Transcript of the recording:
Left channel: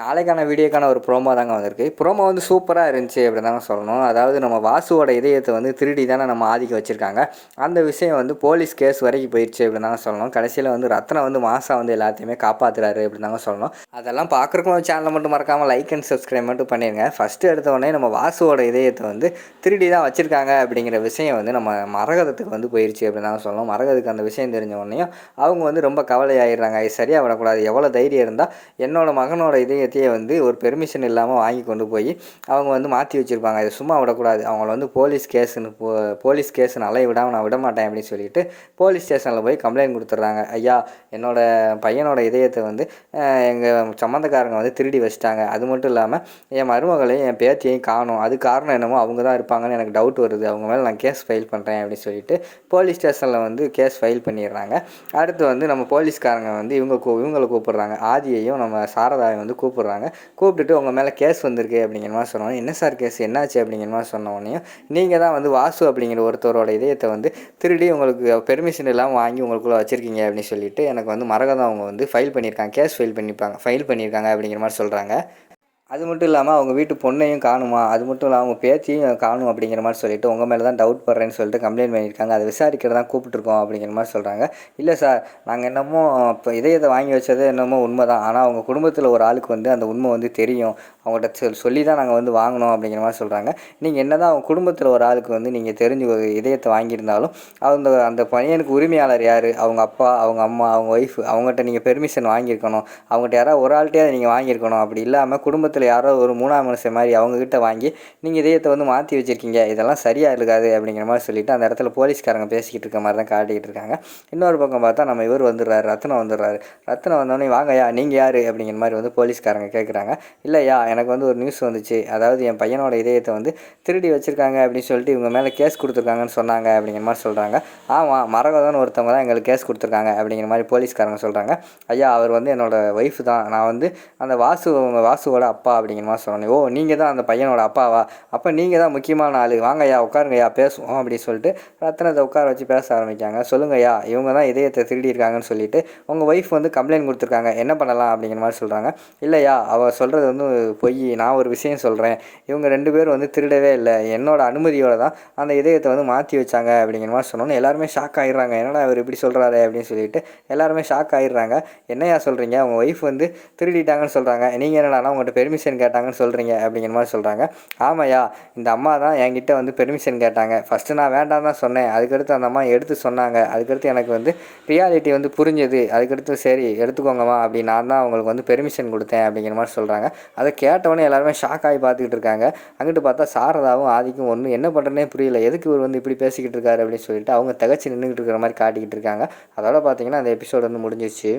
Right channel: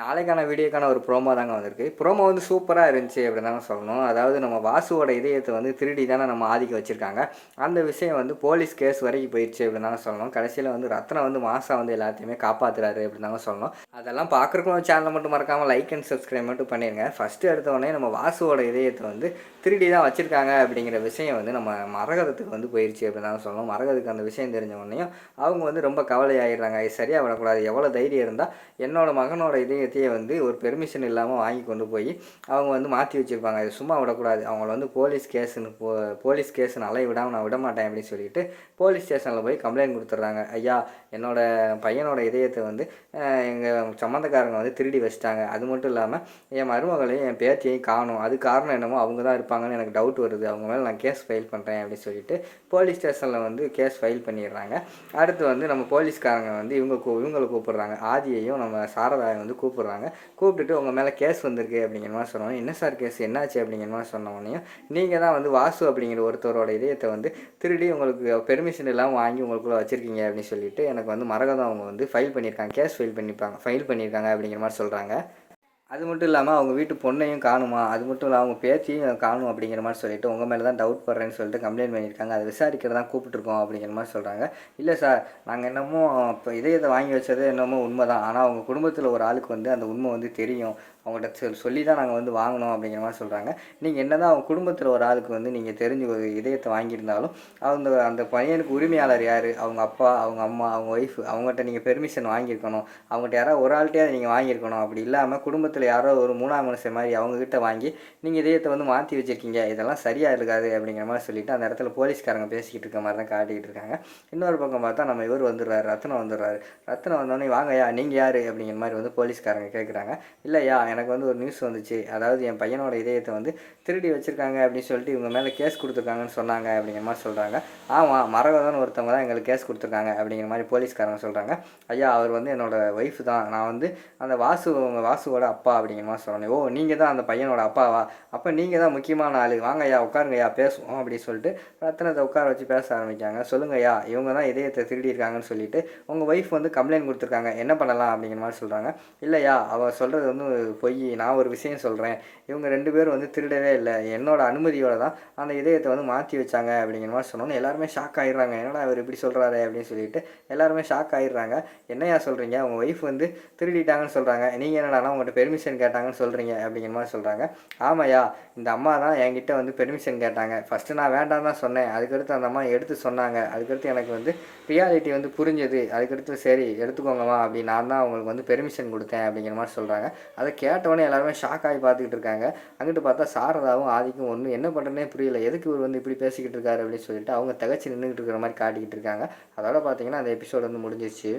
நாளைக்கான வீடியோக்கான ஒரு ப்ரோமோ தாங்க வந்திருக்கு. ப்ரோமோ வந்து சூப்பரா இருந்துச்சு அப்படின்னு தாங்க சொல்லணும். அதாவது நம்ம வாசுவோட இதயத்த வந்து திருடி தானே நம்ம ஆதிக்க வச்சிருக்காங்க. அந்த விஷயம் வந்து போலீஸ் கேஸ் வரைக்கும் போயிடுச்சு அப்படின்னு தாங்க சொல்லணும். கடைசியில வந்து ரத்னம் வந்து மாசா வந்து எல்லாத்தையுமே காப்பாத்துறாரு அப்படின்னு தாங்க சொல்லணும். அதெல்லாம் பார்க்குறக்கும் சேனலை மட்டும் மறக்காம லைக் அண்ட் சப்ஸ்கிரைப் மட்டும் பண்ணிருங்க. ஃபர்ஸ்ட் எடுத்த உடனே நம்ம வாசுவோட இதயத்தை வந்து திருடி தான் வச்சிருக்காங்க அப்படிங்கிற விஷயம் வந்து நம்ம மரகதத்துக்கு வந்து போயிடுச்சு அப்படின்னு தாங்க சொல்லணும். மரகதுக்கு அந்த விஷயம் தெரிஞ்ச உடனேயும் அவங்க வந்து ரொம்ப கவலையாயிடுறாங்க. இது சரியாக விடக்கூடாது. எவ்வளோ தைரியம் இருந்தால் என்னோட மகனோட இதயத்தையே வந்து ஒரு பெர்மிஷன் இல்லாமல் வாங்கி கொண்டு போய் அவங்க வந்து மாற்றி வச்சுருப்பாங்க. இதை சும்மா விடக்கூடாது. அவங்கள வந்து போலீஸ் கேஸுன்னு அலைய விடாமல் நான் விடமாட்டேன் அப்படின்னு சொல்லிட்டு போலீஸ் ஸ்டேஷனில் போய் கம்ப்ளைண்ட் கொடுத்துட்றாங்க. ஐயா, என்னோட பையனோட இதயத்தை வந்து எங்கள் சம்மந்தக்காரங்க வந்து திருடி வச்சுட்டாங்க. அது மட்டும் இல்லாமல் என் மருமகளையும் என் பேத்தியையும் காணும். அது காரணம் என்னமோ அவங்க தான் இருப்பாங்கன்னு எனக்கு டவுட் வருது. அவங்க மேலே நான் கேஸ் ஃபைல் பண்ணுறேன் அப்படின்னு சொல்லிட்டு போலீஸ் ஸ்டேஷனில் வந்து கேஸ் ஃபைல் பண்ணிடுறாங்க. அடுத்து வந்து நம்ம போலீஸ்காரங்க வந்து இவங்களை கூப்பிட்றாங்க. ஆதியையும் நம்ம சாரதாவை வந்து கூப்பிட்றாங்க. கூப்பிட்டுட்டு உங்கள் மேலே கேஸ் வந்திருக்கு அப்படிங்கிற மாதிரி சொன்னோம். என்ன சார் கேஸ், என்னாச்சு அப்படிங்கிற மாதிரி சொன்ன உடனேயும் நீங்கள் தான் வந்து வாசு அப்படிங்கிற ஒருத்தரோட இதயத்தை வந்து திருடி உங்களுக்கு பெர்மிஷன் இல்லாமல் வாங்கி உங்களுக்குள்ளே வச்சுருக்கீங்க அப்படின்னு சொல்லிட்டு எனக்கு வந்து மரகதம் அவங்க வந்து ஃபைல் பண்ணியிருக்காங்க, கேஸ் ஃபைல் பண்ணியிருக்காங்க அப்படிங்கிற மாதிரி சொல்கிறாங்க. அது மட்டும் இல்லாமல் அவங்க வீட்டு பொண்ணையும் காணுமா, அது மட்டும் இல்லாமல் அவங்க பேத்தியும் காணும் அப்படிங்கிற மாதிரி சொல்லிட்டு உங்கள் மேலே தான் டவுட் படுறேன்னு சொல்லிட்டு கம்ப்ளைண்ட் பண்ணியிருக்காங்க. அதை விசாரிக்கிறது தான் கூப்பிட்டுருக்கோம் அப்படிங்கிற மாதிரி சொல்கிறாங்க. இல்லை சார், நாங்கள் என்னமோ இப்போ இதயத்தை வாங்கி வச்சது என்னமோ உண்மை தான். ஆனால் அவங்க குடும்பத்தில் ஒரு ஆளுக்கு வந்து அந்த உண்மை வந்து தெரியும். அவங்கள்ட்ட சொல்லி தான் நாங்கள் வந்து வாங்கினோம் அப்படிங்கிற மாதிரி சொல்கிறாங்க. நீங்கள் என்ன தான் அவங்க குடும்பத்தில் ஒரு ஆளுக்கு வந்து நீங்கள் தெரிஞ்சு ஒரு இதயத்தை வாங்கியிருந்தாலும் அந்த பையனுக்கு உரிமையாளர் யார்? அவங்க அப்பா, அவங்க அம்மா, அவங்க ஒய்ஃப், அவங்ககிட்ட நீங்கள் பெர்மிஷன் வாங்கியிருக்கணும். அவங்ககிட்ட யாராவது ஒரு ஆள்கிட்டே அதை நீங்கள் வாங்கியிருக்கணும். அப்படி இல்லாமல் குடும்பத்தில் யாரோ ஒரு மூணாம் மனுஷன் மாதிரி அவங்கக்கிட்ட வாங்கி நீங்கள் இதயத்தை வந்து மாற்றி வச்சுருக்கீங்க. இதெல்லாம் சரியாக இருக்காது அப்படிங்கிற மாதிரி சொல்லிவிட்டு அந்த இடத்துல போலீஸ்காரங்க பேசிக்கிட்டு இருக்க மாதிரி தான் காட்டிக்கிட்டு இருக்காங்க. இன்னொரு பக்கம் பார்த்தா நம்ம இவர் வந்துடுறாரு, ரத்னம் வந்துடுறாரு. ரத்னம் வந்தோடனே வாங்கய்யா, நீங்கள் யார் அப்படிங்கிற மாதிரி வந்து போலீஸ்காரங்க கேட்குறாங்க. இல்லையா, எனக்கு வந்து ஒரு நியூஸ் வந்துச்சு. அதாவது என் பையனோட இதயத்தை வந்து திருடி வச்சுருக்காங்க அப்படின்னு சொல்லிட்டு இவங்க மேலே கேஸ் கொடுத்துருக்காங்கன்னு சொன்னாங்க அப்படிங்கிற மாதிரி சொல்கிறாங்க. ஆமாம், மரகதன்னு ஒருத்தவங்க தான் எங்களுக்கு கேஸ் கொடுத்துருக்காங்க அப்படிங்கிற மாதிரி போலீஸ்காரங்க சொல்கிறாங்க. ஐயா, அவர் வந்து என்னோடய ஒய்ஃப் தான். நான் வந்து அந்த வாசுவோட அப்பா அப்படிங்கிற மாதிரி சொன்னேன். ஓ, நீங்கள் தான் அந்த பையனோட அப்பாவா? அப்போ நீங்கள் தான் முக்கியமான ஆள். வாங்கய்யா, உட்காருங்கய்யா, பேசுவோம் அப்படின்னு சொல்லிட்டு ரத்னத்தை உட்கார வச்சு பேச ஆரம்பிக்காங்க. சொல்லுங்கய்யா, இவங்க தான் இதயத்தை திருடியிருக்காங்கன்னு சொல்லிட்டு உங்கள் ஒய்ஃப் வந்து கம்ப்ளைண்ட் கொடுத்துருக்காங்க, என்ன பண்ணலாம் அப்படிங்கிற மாதிரி சொல்கிறாங்க. இல்லையா, அவள் சொல்கிறது வந்து பொய். நான் ஒரு விஷயம் சொல்கிறேன். இவங்க 2 பேரும் வந்து திருடவே இல்லை. என்னோட அனுமதியோடு தான் அந்த இதயத்தை வந்து மாற்றி வச்சாங்க அப்படிங்கிற மாதிரி சொன்னோன்னு எல்லாருமே ஷாக் ஆகிடுறாங்க. என்னடா அவர் இப்படி சொல்கிறாரு அப்படின்னு சொல்லிட்டு எல்லாருமே ஷாக் ஆகிடுறாங்க. என்னையா சொல்கிறீங்க, அவங்க ஒய்ஃப் வந்து திருடிட்டாங்கன்னு சொல்கிறாங்க, நீங்கள் என்னடானா உங்கள்கிட்ட பெர்மிஷன் கேட்டாங்கன்னு சொல்கிறீங்க அப்படிங்கிற மாதிரி சொல்கிறாங்க. ஆமாய்யா, இந்த அம்மா தான் என்கிட்ட வந்து பெர்மிஷன் கேட்டாங்க. ஃபஸ்ட்டு நான் வேண்டாம் தான் சொன்னேன். அதுக்கடுத்து அந்த அம்மா எடுத்து சொன்னாங்க. அதுக்கடுத்து எனக்கு வந்து ரியாலிட்டி வந்து புரிஞ்சுது. அதுக்கடுத்து சரி எடுத்துக்கோங்கம்மா அப்படி நான் தான் அவங்களுக்கு வந்து பெர்மிஷன் கொடுத்தேன் அப்படிங்கிற மாதிரி சொல்கிறாங்க. அதை கேட்டவொடனே எல்லாருமே ஷாக் ஆகி பார்த்துக்கிட்டு இருக்காங்க. அங்கிட்டு பார்த்தா சாரதாவும் ஆதிக்கும் ஒன்றும் என்ன பண்ணுறேனே புரியல. எதுக்கு இவர் வந்து இப்படி பேசிக்கிட்டு இருக்காரு அப்படின்னு சொல்லிட்டு அவங்க திகச்சு நின்றுக்கிட்டு இருக்கிற மாதிரி காட்டிக்கிட்டு இருக்காங்க. அதோட பார்த்தீங்கன்னா அந்த எபிசோடு வந்து முடிஞ்சிருச்சு.